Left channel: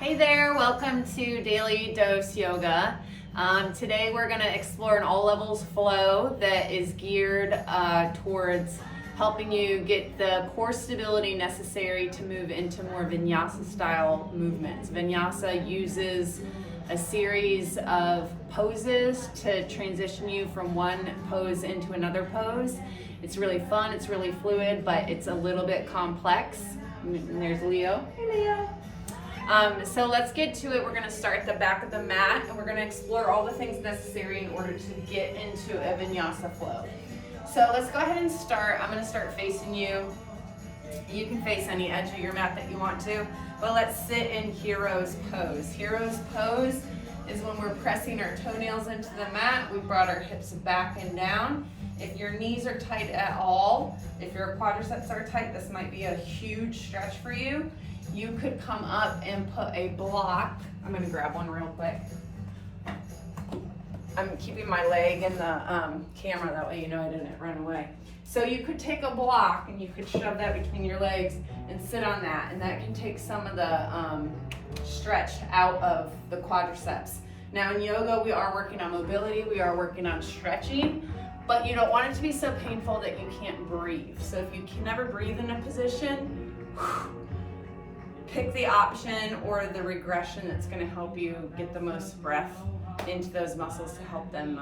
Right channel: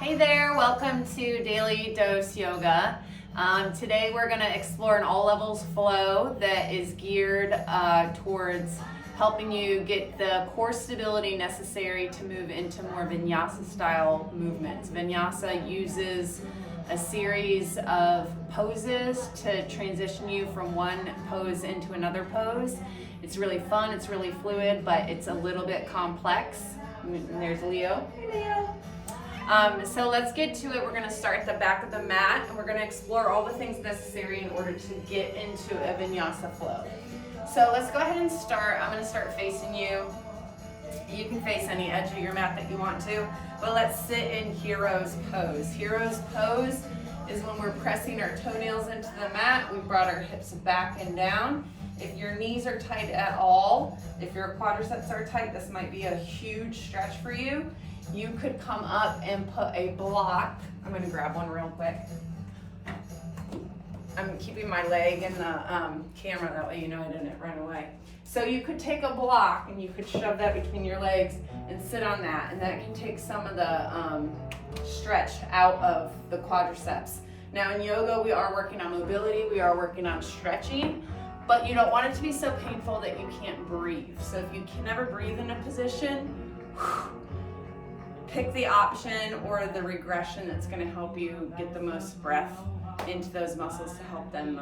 Hey there, welcome to Daily Dose Yoga. Today we're going to explore an all levels flow that is geared towards helping you get the core stability necessary to move into more Vinyasa style movements. Vinyasa uses a series of poses to transition you from one pose into another pose. It's really fun, it's really fluid, but it's a little bit complex. And there's Leo. Hey Leo. So let's get to it. We're going to start at the back of the mat and we're going to explore all the things necessary in order to get into a Vinyasa flow. So let's go ahead and start. I'm going to start facing you. You can face any edge of your mat that you want to, but let's sit in Hero's Pose. Hero's Pose is when we're pressing our toenails into the mat. We've brought our hips back and down. If your knees are tight at all, if your quadriceps are tight, this might be a huge stretch for you. You could come up and put a block. I'm going to grab one real quick. I'm keeping my leg in the camera, that way you know I didn't run away. So you could take a block and you could shove that between your legs and sit on that, and that can take some of the stretch out of the quadriceps. Now in yoga, we are working on mobility, we are working on stretching, but you don't want it to be so painful that you can't breathe. So if you can never breathe in a position, pick the option or the regression that's going to help you get the most breath into those muscles to help them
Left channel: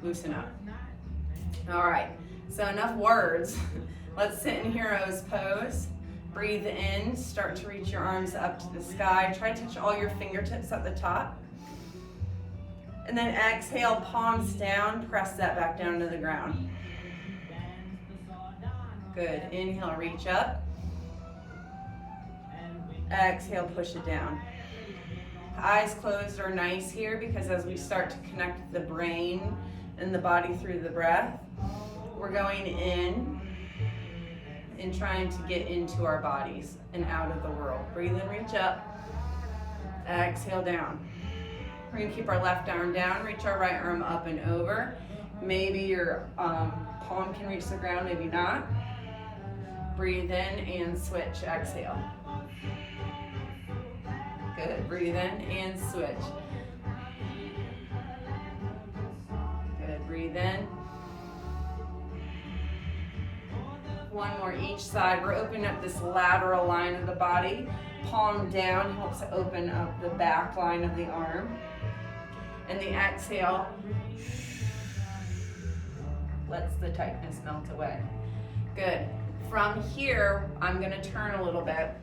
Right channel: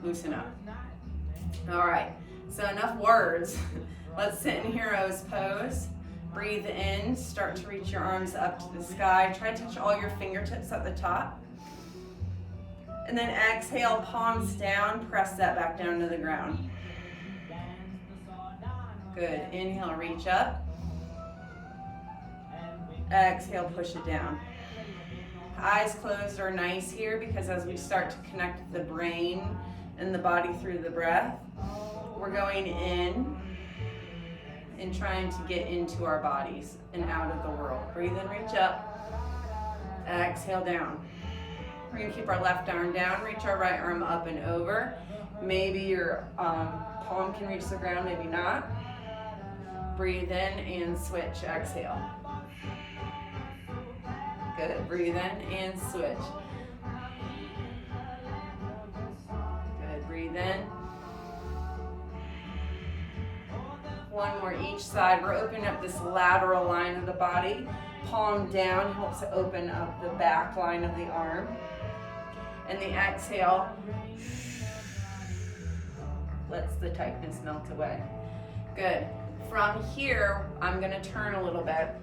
loosen up. All right, so enough words. Let's sit in Hero's Pose. Breathe in, start to reach your arms up to the sky. Try to touch all your fingertips at the top. And then exhale, palms down, press that back down to the ground. Good, inhale, reach up. Exhale, push it down. Eyes closed are nice here because as we start to connect the brain and the body through the breath, we're going in and trying to get into our bodies and out of the world. Breathe in, reach up. Exhale, down. We're going to keep our left arm down, reach our right arm up and over. Maybe your palm can reach the ground, maybe not. Breathe in and switch, exhale. Good, breathe in and switch. Good, breathe in. One more each side. We're opening up this lateral line of the body. Palm down helps to open up the back line of the arm. And the exhale lets the tightness melt away. Good. From here, I'm going to turn a little bit.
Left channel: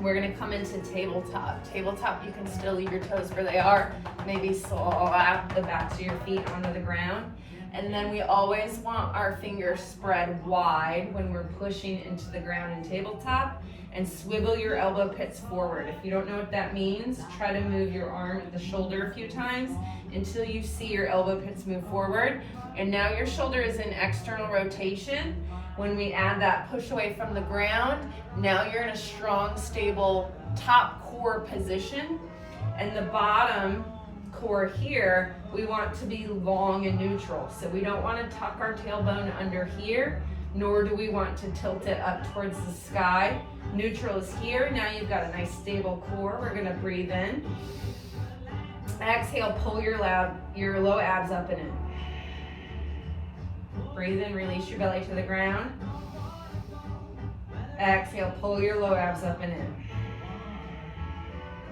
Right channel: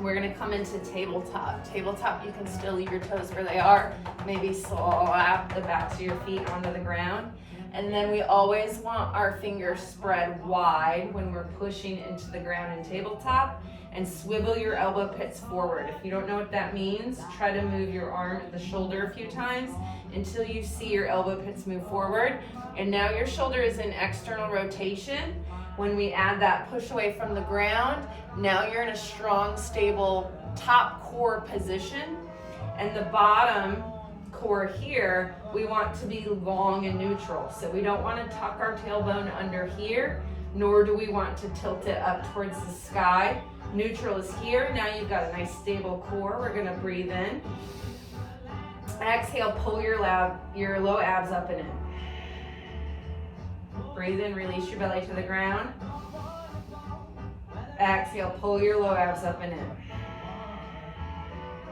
We're going to come into tabletop. Tabletop, you can still leave your toes where they are. Maybe slap the backs of your feet onto the ground. And then we always want our fingers spread wide when we're pushing into the ground in tabletop. And swivel your elbow pits forward. If you don't know what that means, try to move your arm at the shoulder a few times until you see your elbow pits move forward. And now your shoulder is in external rotation. When we add that push away from the ground, now you're in a strong, stable top core position. And the bottom core here, we want to be long and neutral. So we don't want to tuck our tailbone under here, nor do we want to tilt it up towards the sky. Neutral is here. Now you've got a nice stable core. We're going to breathe in. Exhale, pull your low abs up and in. Breathe in, release your belly to the ground. Exhale, pull your low abs up and in.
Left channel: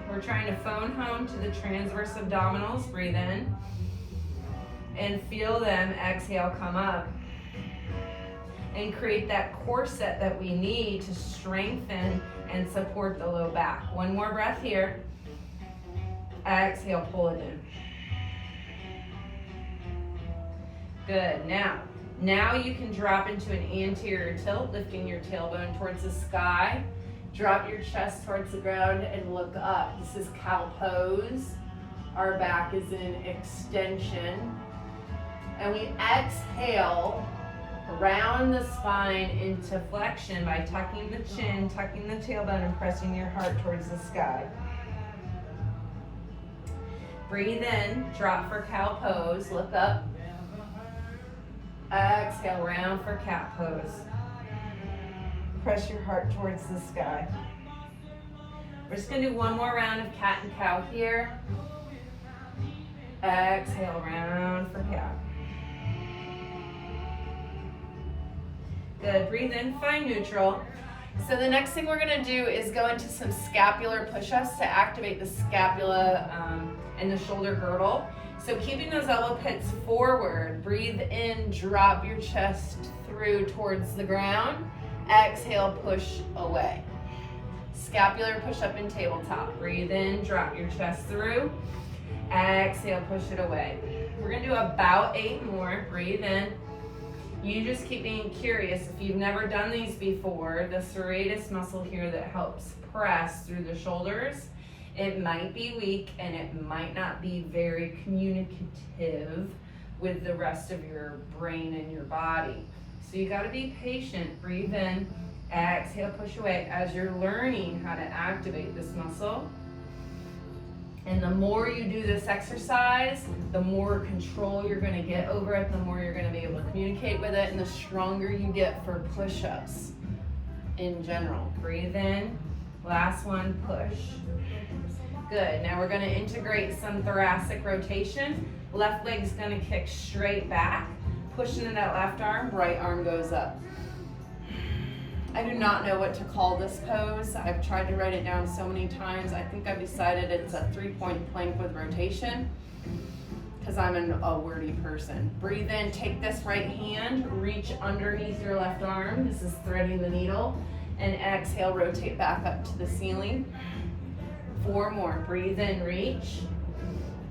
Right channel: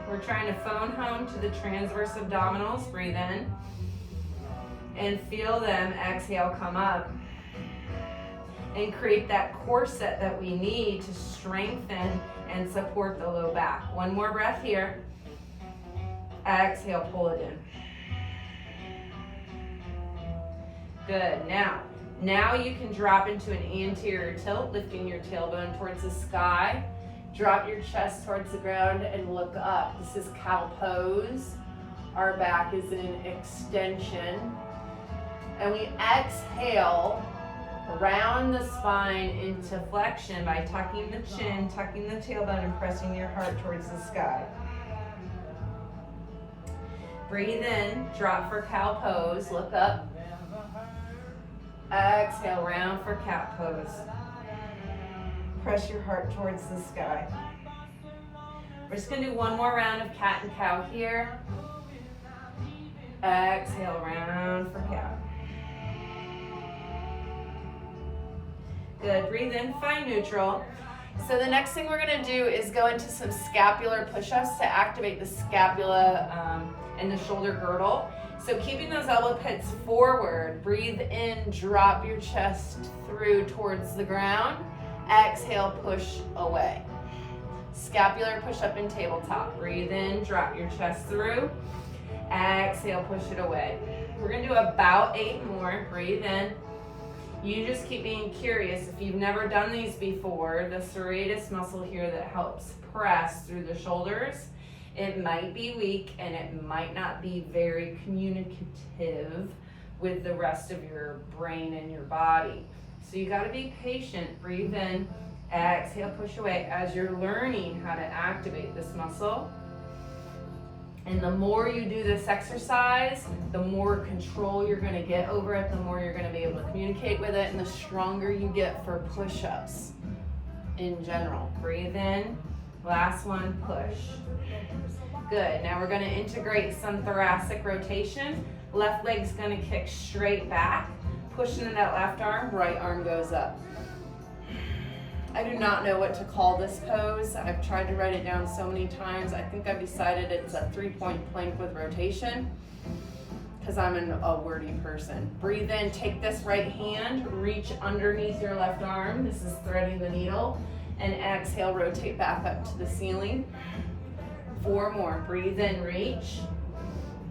We're trying to phone home to the transverse abdominals. Breathe in. And feel them, exhale, come up. And create that core set that we need to strengthen and support the low back. One more breath here. Exhale, pull it in. Good, now you can drop into an anterior tilt, lifting your tailbone towards the sky. Drop your chest towards the ground and look up. This is cow pose. Our back is in extension. And we exhale, round the spine into flexion by tucking the chin, tucking the tailbone, and pressing your heart towards the sky. Breathe in, drop for cow pose, look up. Exhale, round for cat pose. Press your heart towards the sky. We're just gonna do one more round of cat and cow here. Exhale, round for cat. Good, breathe in, find neutral. So the next thing we're gonna do is go into some scapular push-ups to activate the scapula and the shoulder girdle. So keeping those elbow pits forward, breathe in, drop your chest through towards the ground. Exhale, push away. Scapular push-up in tabletop. Breathe in, drop your chest through. Exhale, push it away. We're gonna do about 8 more. Breathe in. You just keep being curious. If you've never done these before, the serratus muscle here that helps press through the shoulders, it might be weak and it might not be very communicative with the rest of your brain and your body. So you gotta be patient. Breathe in, exhale, push away as you're learning how to activate this muscle. And the more you do this exercise, the more control you're gonna get over it, the more you're gonna be able to communicate with it, and the stronger you get for push-ups in general. Breathe in, last one, push. Good, now we're gonna integrate some thoracic rotation. Left leg's gonna kick straight back, pushing in that left arm, right arm goes up. I do not know what to call this pose. I've tried to write it down so many times. I think I've decided it's a 3-point plank with rotation because I'm a wordy person. Breathe in, take this right hand, reach underneath your left arm. This is threading the needle. And exhale, rotate back up to the ceiling. 4 more. Breathe in, reach.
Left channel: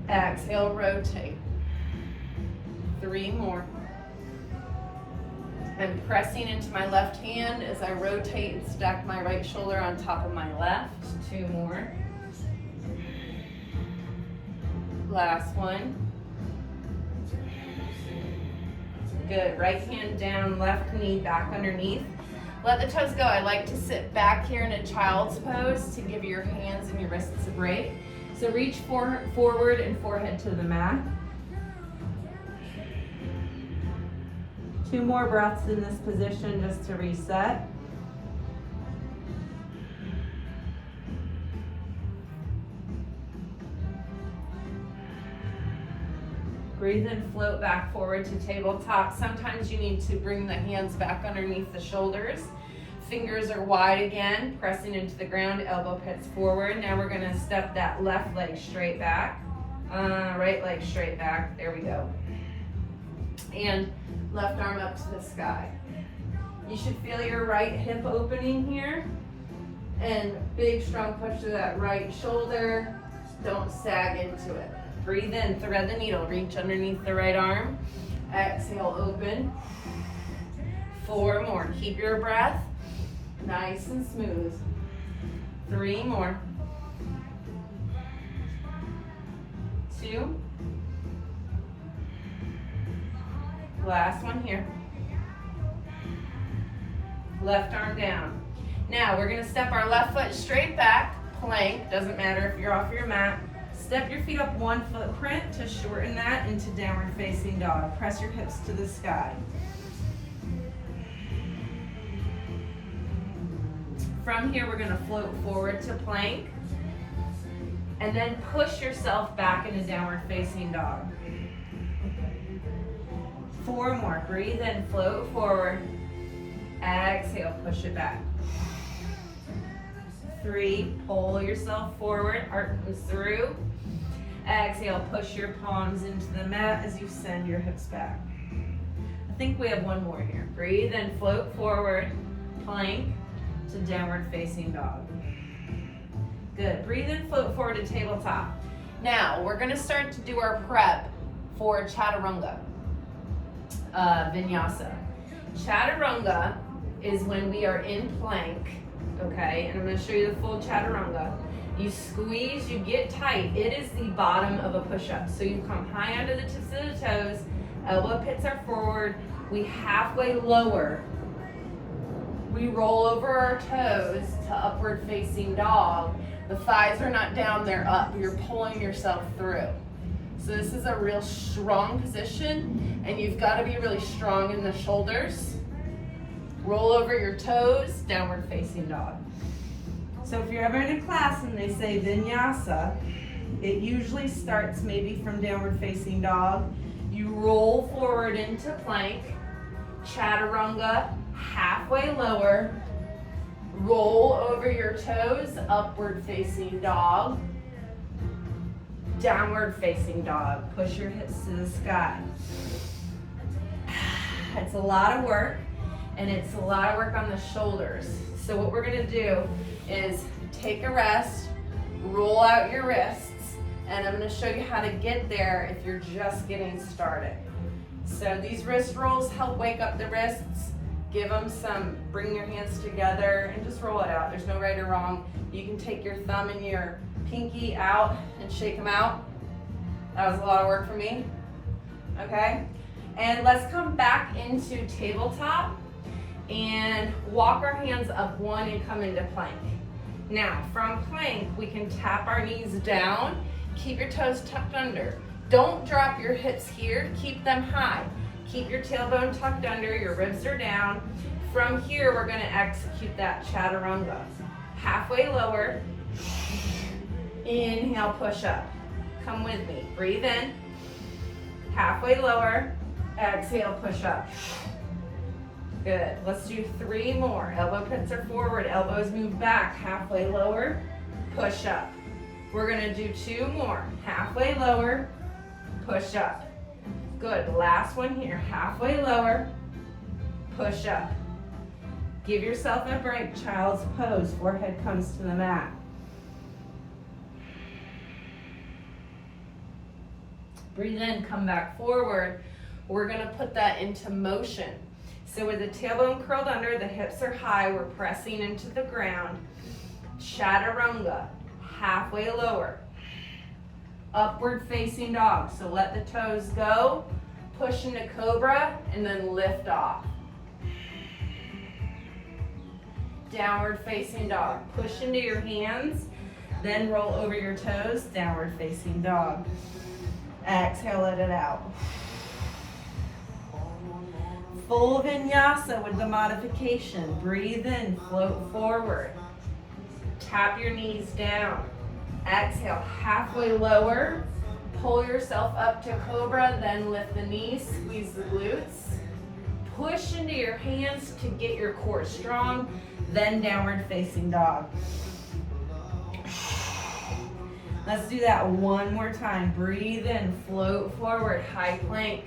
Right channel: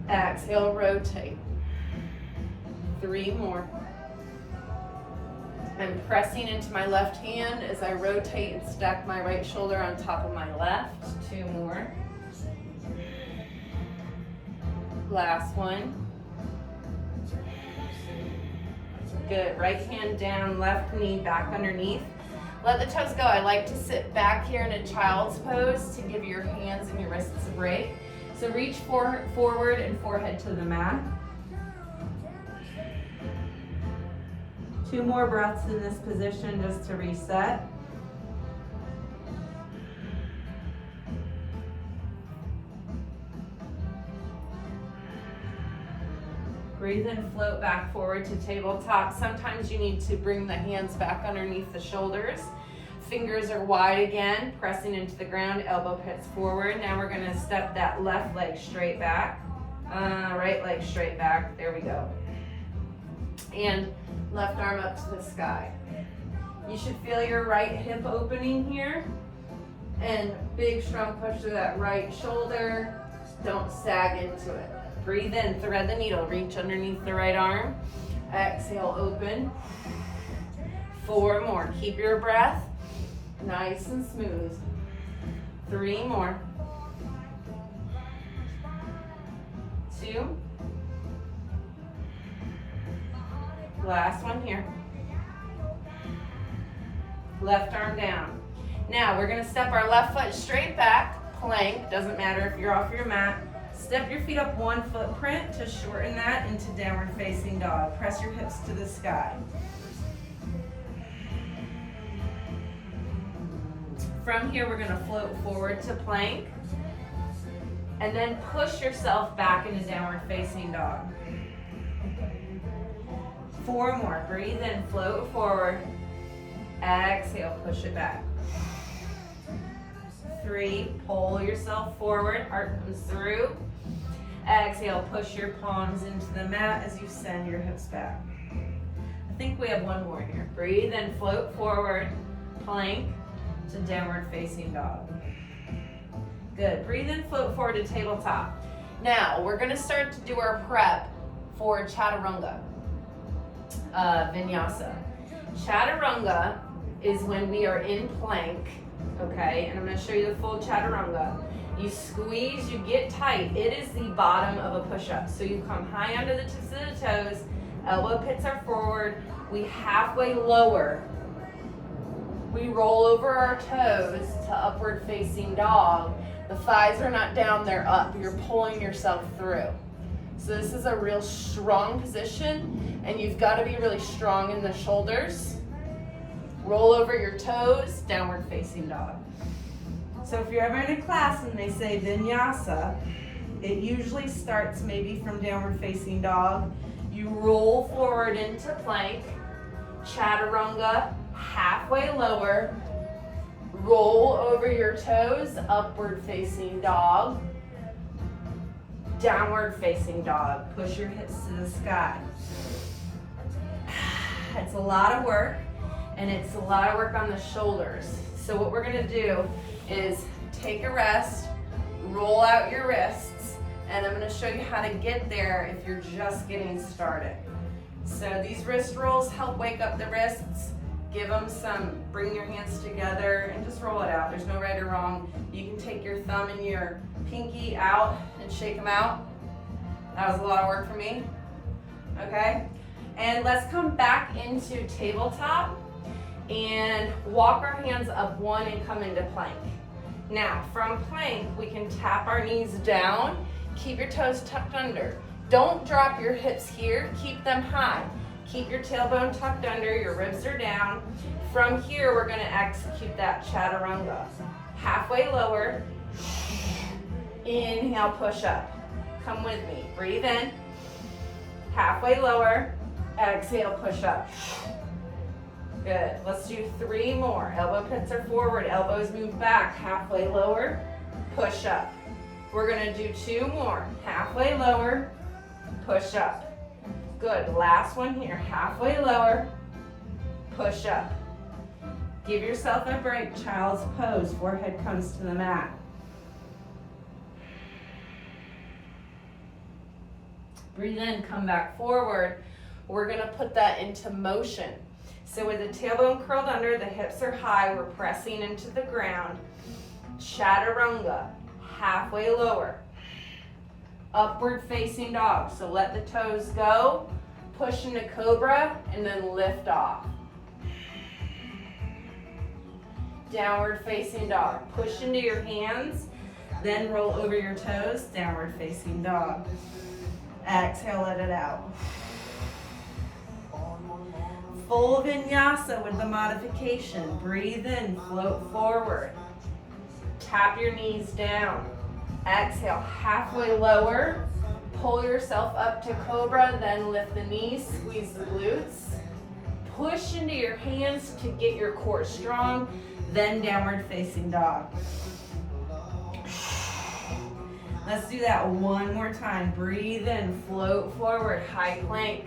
Exhale, rotate. 3 more. I'm pressing into my left hand as I rotate and stack my right shoulder on top of my left. 2 more. Last one. Good. Right hand down, left knee back underneath. Let the toes go. I like to sit back here in a child's pose to give your hands and your wrists a break. So reach forward and forehead to the mat. 2 more breaths in this position just to reset. Breathe in, float back forward to tabletop. Sometimes you need to bring the hands back underneath the shoulders. Fingers are wide again, pressing into the ground, elbow pits forward. Now we're gonna step that left leg straight back, right leg straight back, there we go. And left arm up to the sky. You should feel your right hip opening here, and big strong push to that right shoulder. Don't sag into it. Breathe in, thread the needle, reach underneath the right arm. Exhale, open. 4 more, keep your breath nice and smooth. 3 more. 2. Last one here. Left arm down. Now we're gonna step our left foot straight back, plank, doesn't matter if you're off your mat. Step your feet up 1 footprint to shorten that into downward facing dog. Press your hips to the sky. From here, we're gonna float forward to plank, and then push yourself back into downward facing dog. 4 more, breathe in, float forward. Exhale, push it back. 3, pull yourself forward, arms through. Exhale, push your palms into the mat as you send your hips back. I think we have 1 more here. Breathe in, float forward, plank to downward facing dog. Good, breathe in, float forward to tabletop. Now, we're gonna start to do our prep for Chaturanga, Vinyasa. Chaturanga is when we are in plank, okay? And I'm gonna show you the full Chaturanga. You squeeze, you get tight. It is the bottom of a push-up. So you come high under the tips of the toes, elbow pits are forward, we halfway lower. We roll over our toes to upward facing dog. The thighs are not down, they're up. You're pulling yourself through. So this is a real strong position, and you've got to be really strong in the shoulders. Roll over your toes, downward facing dog. So if you're ever in a class and they say Vinyasa, it usually starts maybe from downward facing dog. You roll forward into plank, Chaturunga, halfway lower, roll over your toes, upward facing dog, downward facing dog. Push your hips to the sky. It's a lot of work, and it's a lot of work on the shoulders. So what we're gonna do is take a rest, roll out your wrists, and I'm gonna show you how to get there if you're just getting started. So these wrist rolls help wake up the wrists, give them some, bring your hands together and just roll it out. There's no right or wrong. You can take your thumb and your pinky out and shake them out. That was a lot of work for me, okay? And let's come back into tabletop and walk our hands up one and come into plank. Now, from plank, we can tap our knees down, keep your toes tucked under. Don't drop your hips here, keep them high. Keep your tailbone tucked under, your ribs are down. From here, we're gonna execute that Chaturunga. Halfway lower, inhale, push up. Come with me, breathe in. Halfway lower, exhale, push up. Good, let's do 3 more. Elbow pits are forward, elbows move back. Halfway lower, push up. We're gonna do 2 more. Halfway lower, push up. Good, last one here. Halfway lower, push up. Give yourself a break, child's pose. Forehead comes to the mat. Breathe in, come back forward. We're gonna put that into motion. So with the tailbone curled under, the hips are high, we're pressing into the ground. Chaturunga, halfway lower. Upward facing dog, so let the toes go, push into cobra, and then lift off. Downward facing dog, push into your hands, then roll over your toes, downward facing dog. Exhale, let it out. Full vinyasa with the modification. Breathe in, float forward. Tap your knees down. Exhale, halfway lower. Pull yourself up to cobra, then lift the knees, squeeze the glutes. Push into your hands to get your core strong, then downward facing dog. Let's do that one more time. Breathe in, float forward, high plank.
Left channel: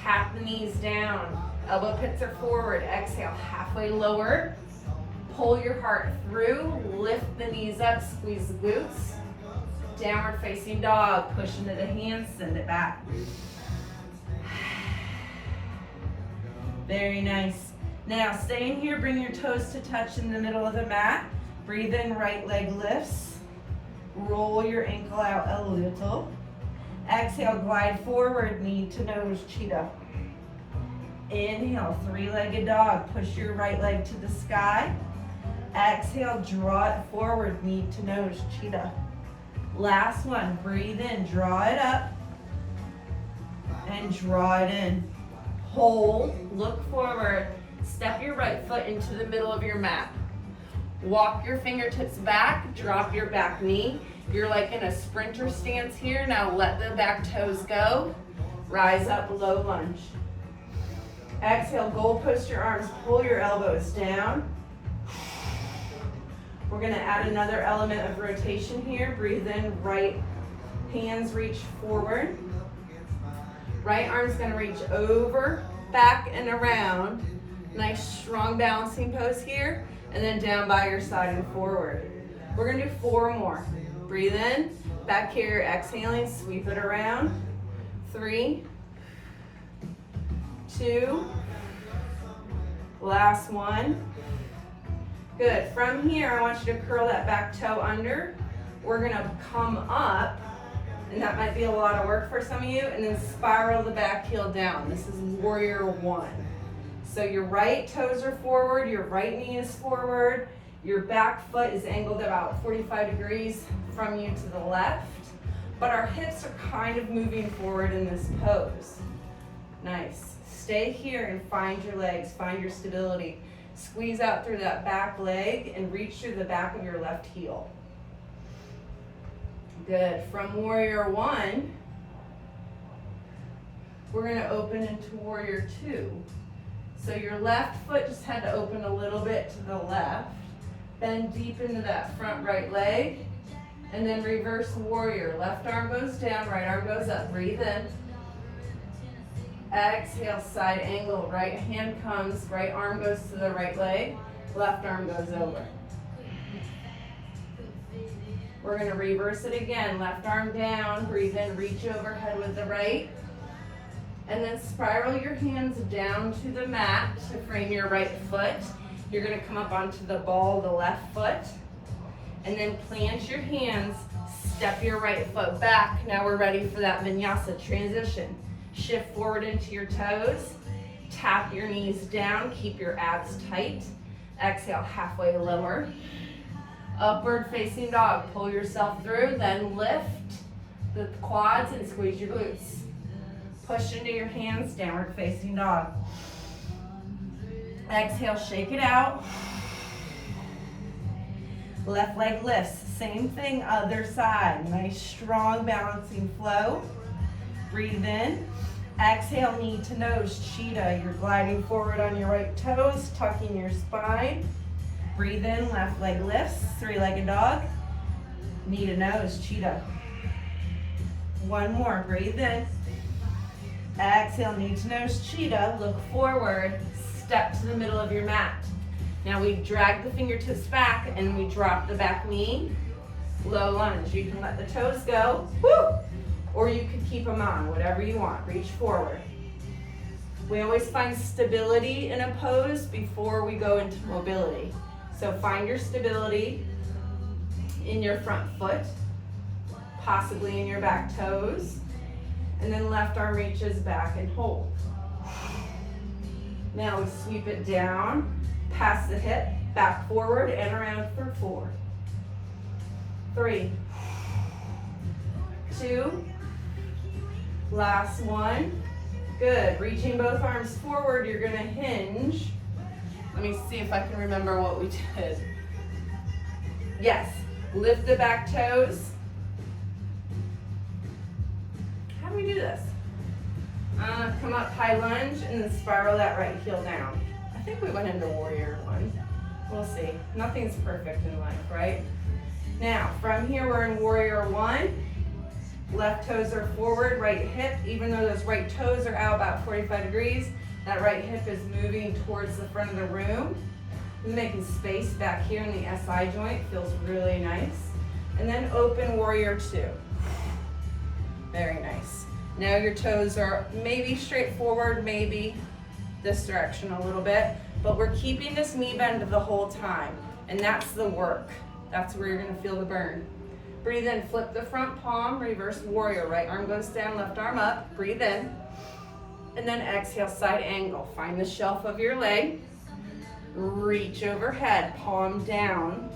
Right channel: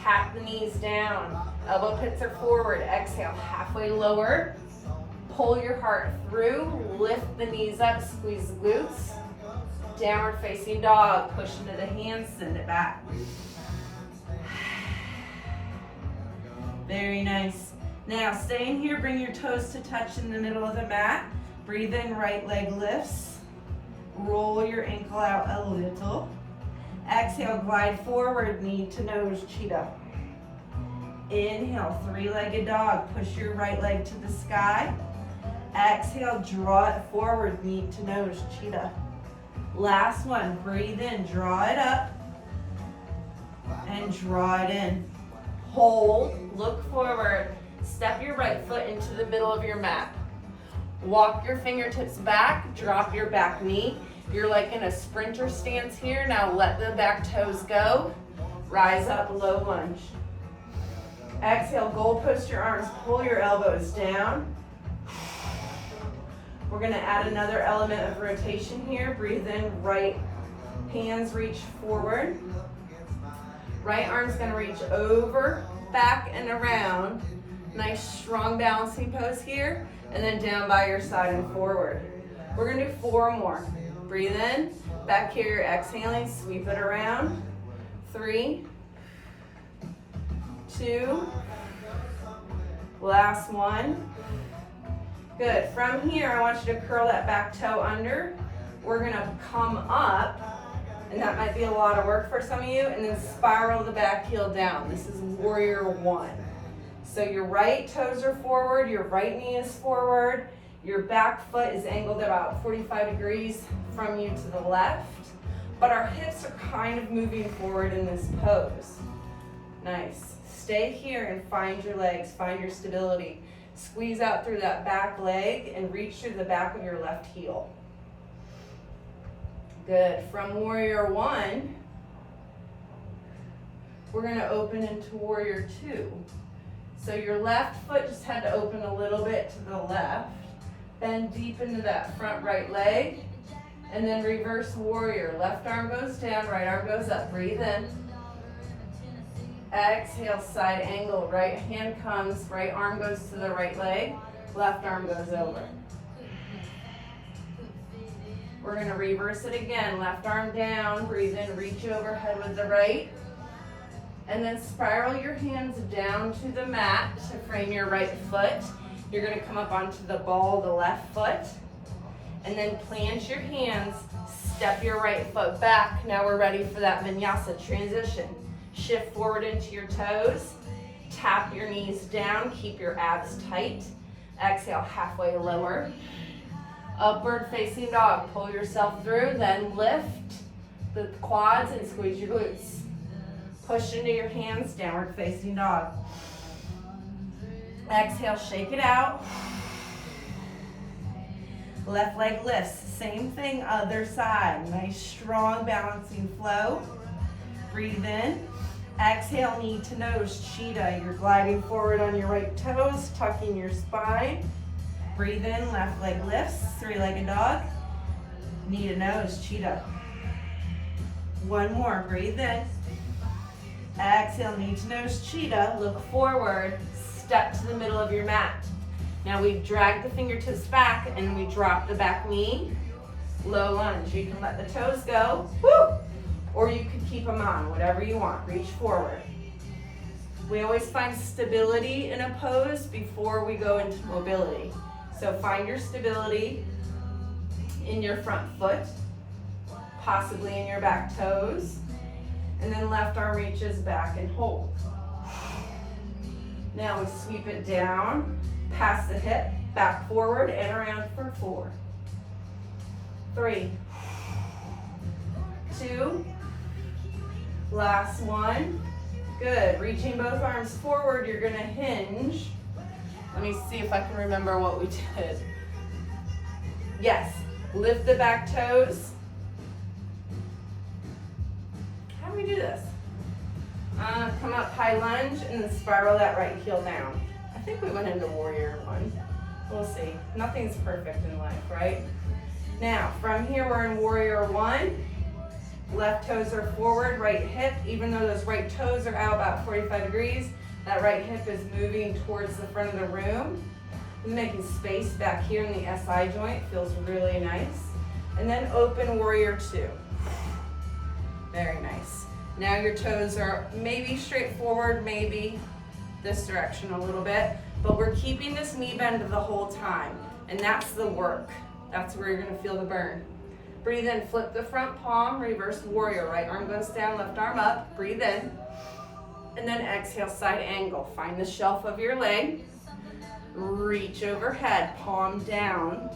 Tap the knees down. Elbow pits are forward. Exhale, halfway lower. Pull your heart through. Lift the knees up, squeeze the glutes. Downward facing dog. Push into the hands, send it back. Very nice. Now stay in here, bring your toes to touch in the middle of the mat. Breathe in, right leg lifts. Roll your ankle out a little. Exhale, glide forward, knee to nose, cheetah. Inhale, 3-legged dog. Push your right leg to the sky. Exhale, draw it forward, knee to nose, cheetah. Last one, breathe in, draw it up, and draw it in. Hold, look forward, step your right foot into the middle of your mat. Walk your fingertips back, drop your back knee. You're like in a sprinter stance here. Now let the back toes go. Rise up, low lunge. Exhale, goalpost your arms, pull your elbows down. We're gonna add another element of rotation here. Breathe in, right hands reach forward. Right arm's gonna reach over, back, and around. Nice, strong balancing pose here. And then down by your side and forward. We're gonna do 4 more. Breathe in, back here, exhaling, sweep it around. 3, 2, last one. Good, from here, I want you to curl that back toe under. We're gonna come up, and that might be a lot of work for some of you, and then spiral the back heel down. This is warrior 1. So your right toes are forward, your right knee is forward, your back foot is angled about 45 degrees from you to the left, but our hips are kind of moving forward in this pose. Nice. Stay here and find your legs, find your stability. Squeeze out through that back leg and reach through the back of your left heel. Good. From warrior one, we're going to open into warrior two. So your left foot just had to open a little bit to the left. Bend deep into that front right leg. And then reverse warrior. Left arm goes down, right arm goes up. Breathe in. Exhale, side angle. Right hand comes, right arm goes to the right leg. Left arm goes over. We're going to reverse it again. Left arm down. Breathe in, reach overhead with the right. And then spiral your hands down to the mat to frame your right foot. You're going to come up onto the ball of the left foot. And then plant your hands, step your right foot back. Now we're ready for that vinyasa transition. Shift forward into your toes. Tap your knees down, keep your abs tight. Exhale, halfway lower. Upward facing dog. Pull yourself through, then lift the quads and squeeze your glutes. Push into your hands, downward facing dog. Exhale, shake it out. Left leg lifts, same thing, other side. Nice, strong, balancing flow. Breathe in. Exhale, knee to nose, cheetah. You're gliding forward on your right toes, tucking your spine. Breathe in, left leg lifts, three-legged dog. Knee to nose, cheetah. One more, breathe in. Exhale, knee to nose, cheetah. Look forward, step to the middle of your mat. Now we drag the fingertips back and we drop the back knee, low lunge. You can let the toes go, woo, or you could keep them on, whatever you want. Reach forward. We always find stability in a pose before we go into mobility. So find your stability in your front foot, possibly in your back toes, and then left arm reaches back and hold. Now we sweep it down, past the hip, back forward and around for 4, 3, 2, last one. Good. Reaching both arms forward, you're going to hinge. Let me see if I can remember what we did. Yes. Lift the back toes. How do we do this? Come up, high lunge, and then spiral that right heel down. I think we went into warrior one. We'll see. Nothing's perfect in life, right? Now, from here, we're in warrior one. Left toes are forward, right hip. Even though those right toes are out about 45 degrees, that right hip is moving towards the front of the room. Making space back here in the SI joint. Feels really nice. And then open warrior two. Very nice. Now your toes are maybe straight forward, maybe this direction a little bit, but we're keeping this knee bend the whole time, and that's the work. That's where you're gonna feel the burn. Breathe in, flip the front palm, reverse warrior. Right arm goes down, left arm up. Breathe in, and then exhale, side angle. Find the shelf of your leg, reach overhead, palm down,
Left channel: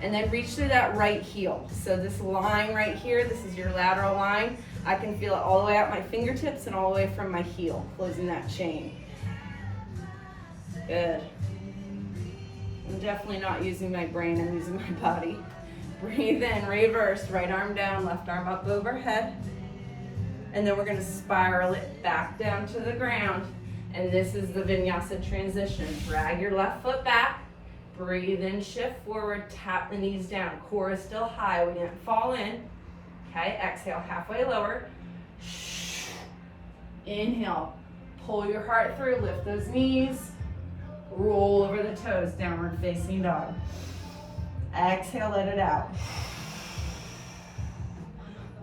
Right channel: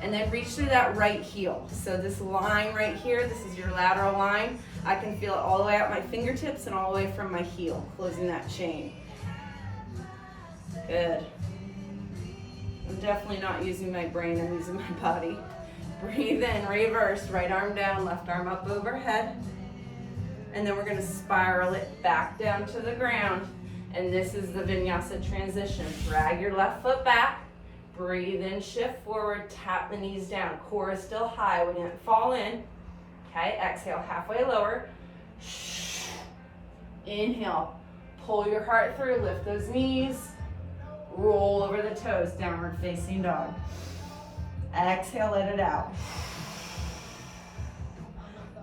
and then reach through that right heel. So this line right here, this is your lateral line. I can feel it all the way out my fingertips and all the way from my heel, closing that chain. Good. I'm definitely not using my brain, I'm using my body. Breathe in, reverse, right arm down, left arm up overhead. And then we're gonna spiral it back down to the ground. And this is the vinyasa transition. Drag your left foot back, breathe in, shift forward, tap the knees down. Core is still high, we didn't fall in. Okay, exhale, halfway lower. Inhale, pull your heart through, lift those knees, roll over the toes, downward facing dog. Exhale, let it out.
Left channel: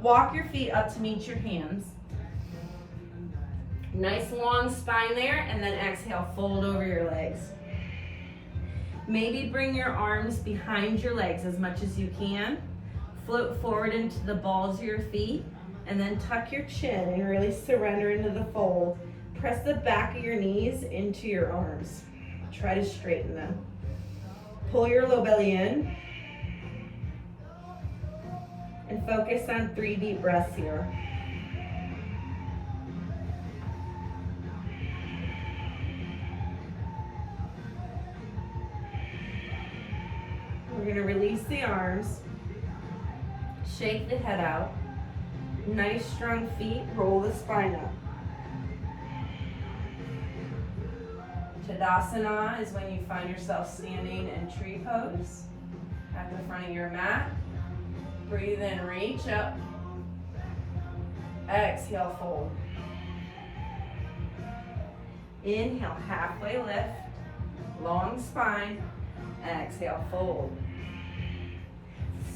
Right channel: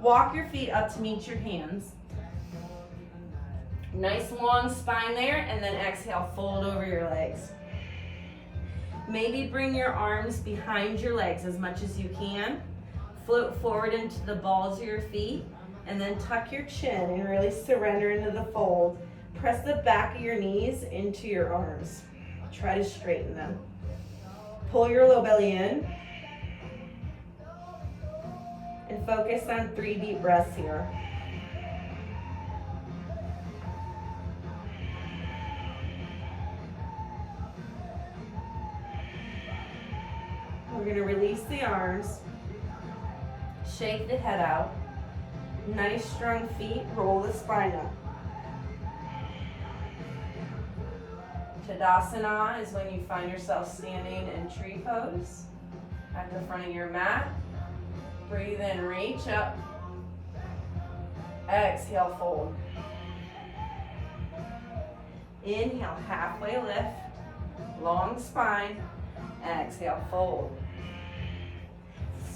Walk your feet up to meet your hands. Nice long spine there, and then exhale, fold over your legs. Maybe bring your arms behind your legs as much as you can. Float forward into the balls of your feet, and then tuck your chin and really surrender into the fold. Press the back of your knees into your arms. Try to straighten them. Pull your low belly in, and focus on 3 deep breaths here. We're gonna release the arms, shake the head out, nice strong feet, roll the spine up. Tadasana is when you find yourself standing in tree pose at the front of your mat. Breathe in, reach up. Exhale, fold. Inhale, halfway lift, long spine. Exhale, fold.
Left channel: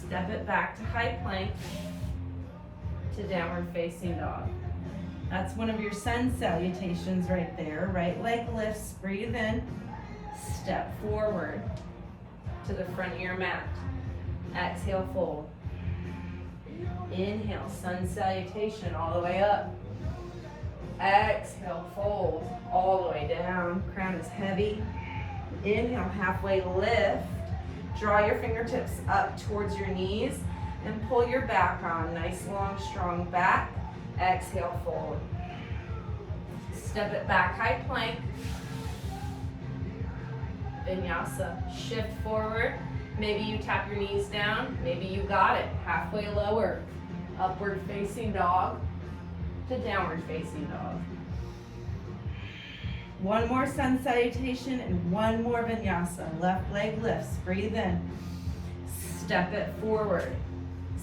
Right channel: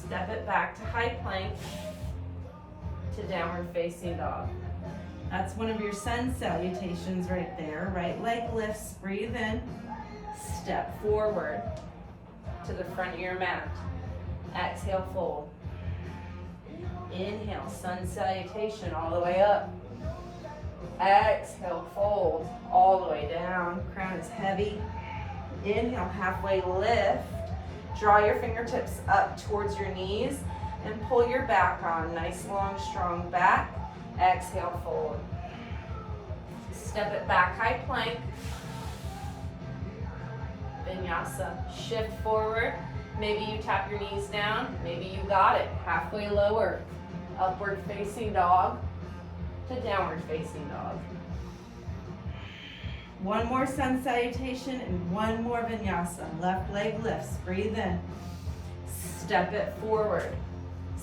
Step it back to high plank to downward facing dog. That's one of your sun salutations right there. Right leg lifts, breathe in, step forward to the front of your mat. Exhale, fold. Inhale, sun salutation all the way up. Exhale, fold all the way down. Crown is heavy. Inhale, halfway lift. Draw your fingertips up towards your knees and pull your back on. Nice, long, strong back. Exhale, fold. Step it back, high plank. Vinyasa. Shift forward. Maybe you tap your knees down. Maybe you got it. Halfway lower. Upward facing dog to downward facing dog. One more sun salutation and one more vinyasa. Left leg lifts. Breathe in. Step it forward.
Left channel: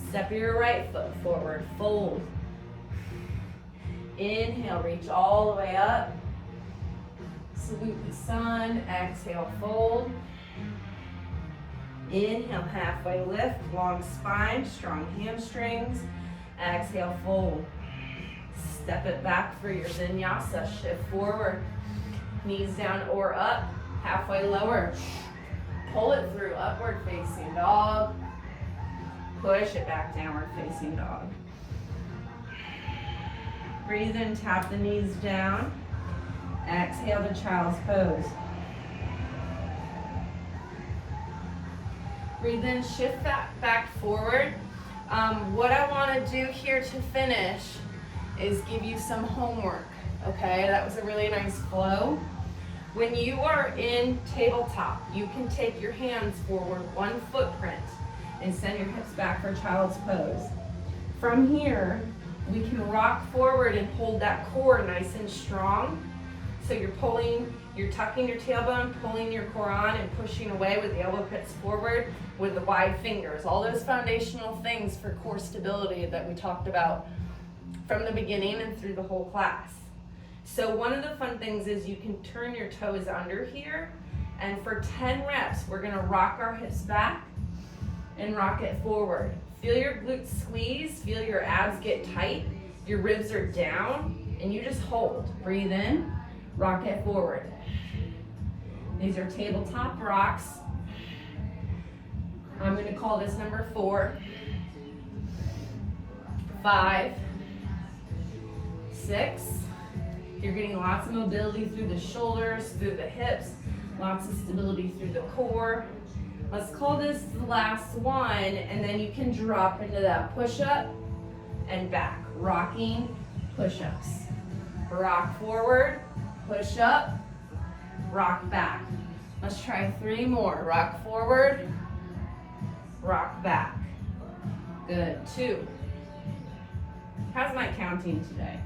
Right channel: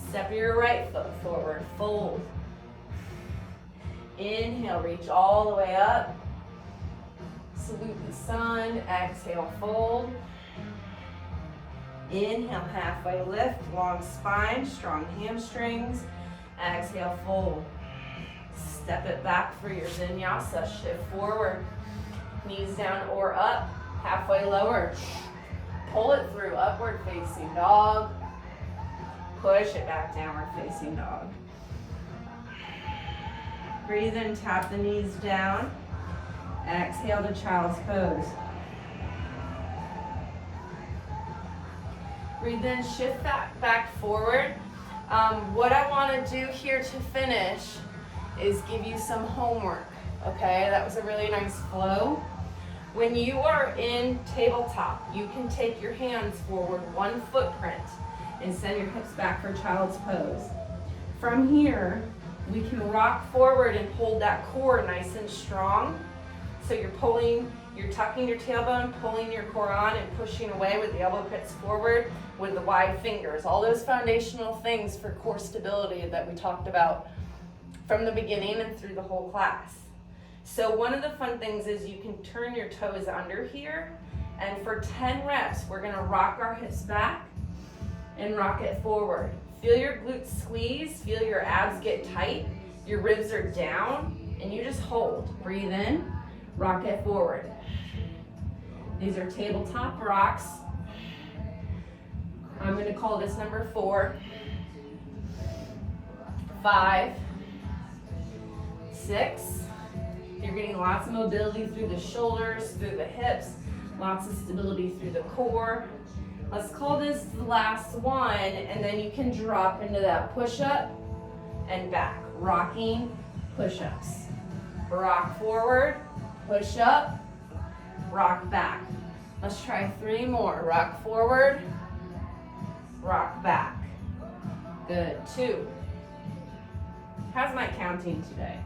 Step your right foot forward. Fold. Inhale, reach all the way up. Salute the sun. Exhale, fold. Inhale, halfway lift. Long spine, strong hamstrings. Exhale, fold. Step it back for your vinyasa. Shift forward. Knees down or up. Halfway lower. Pull it through. Upward facing dog. Push it back, downward facing dog. Breathe in, tap the knees down. Exhale to child's pose. Breathe in, shift back forward. What I want to do here to finish is give you some homework, okay? That was a really nice flow. When you are in tabletop, you can take your hands forward one footprint and send your hips back for child's pose. From here, we can rock forward and hold that core nice and strong. So you're tucking your tailbone, pulling your core on and pushing away with the elbow pits forward with the wide fingers. All those foundational things for core stability that we talked about from the beginning and through the whole class. So one of the fun things is you can turn your toes under here, and for 10 reps, we're gonna rock our hips back and rock it forward. Feel your glutes squeeze, feel your abs get tight, your ribs are down, and you just hold. Breathe in, rock it forward. These are tabletop rocks. I'm gonna call this number 4, 5, 6. You're getting lots of mobility through the shoulders, through the hips, lots of stability through the core. Let's call this the last one, and then you can drop into that push-up and back. Rocking push-ups. Rock forward, push up, rock back. Let's try 3 more. Rock forward, rock back. Good, 2. How's my counting today?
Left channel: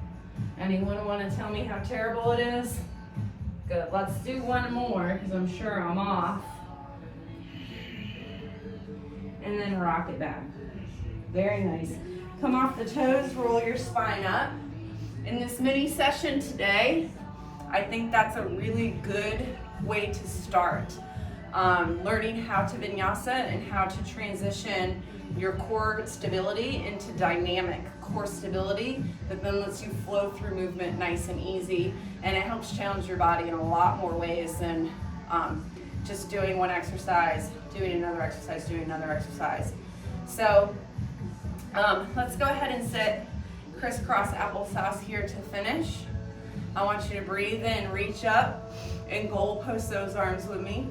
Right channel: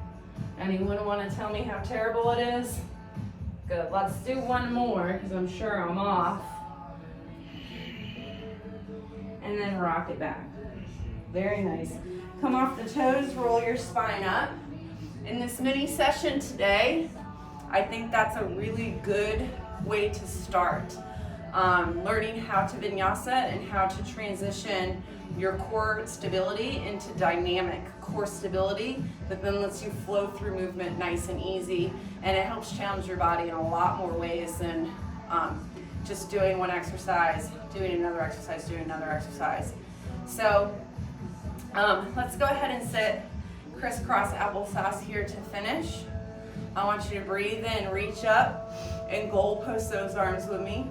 Anyone want to tell me how terrible it is? Good, let's do 1 more because I'm sure I'm off. And then rock it back. Very nice. Come off the toes, roll your spine up. In this mini session today, I think that's a really good way to start. Learning how to vinyasa and how to transition your core stability into dynamic core stability that then lets you flow through movement nice and easy, and it helps challenge your body in a lot more ways than just doing one exercise, doing another exercise, doing another exercise. So let's go ahead and sit crisscross applesauce here to finish. I want you to breathe in, reach up, and goal post those arms with me.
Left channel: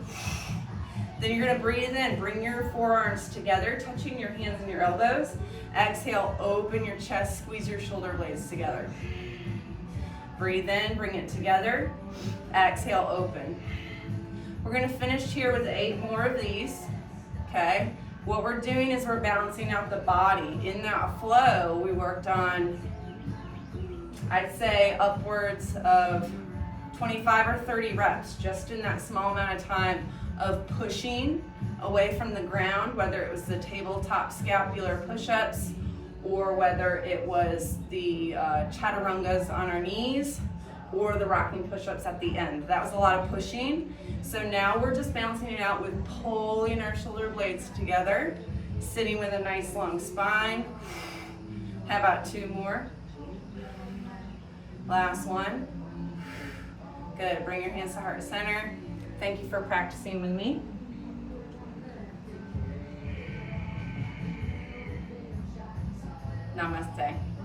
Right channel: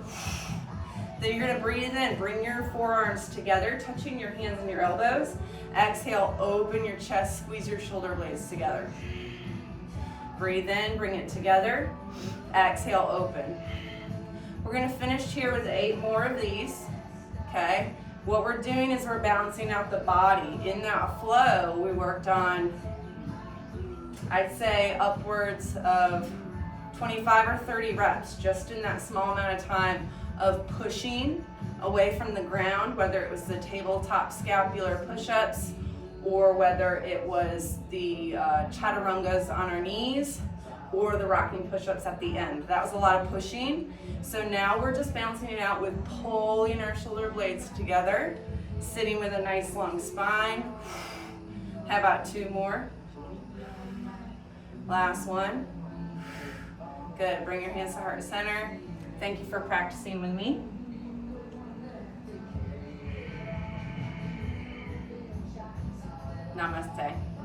Then you're gonna breathe in, bring your forearms together, touching your hands and your elbows. Exhale, open your chest, squeeze your shoulder blades together. Breathe in, bring it together. Exhale, open. We're gonna finish here with 8 more of these. okay? What we're doing is we're balancing out the body. In that flow, we worked on, I'd say, upwards of 25 or 30 reps, just in that small amount of time of pushing away from the ground, whether it was the tabletop scapular push-ups or whether it was the chaturungas on our knees or the rocking push-ups at the end. That was a lot of pushing. So now we're just balancing it out with pulling our shoulder blades together, sitting with a nice long spine. How about 2 more? Last one. Good, bring your hands to heart center. Thank you for practicing with me. Namaste.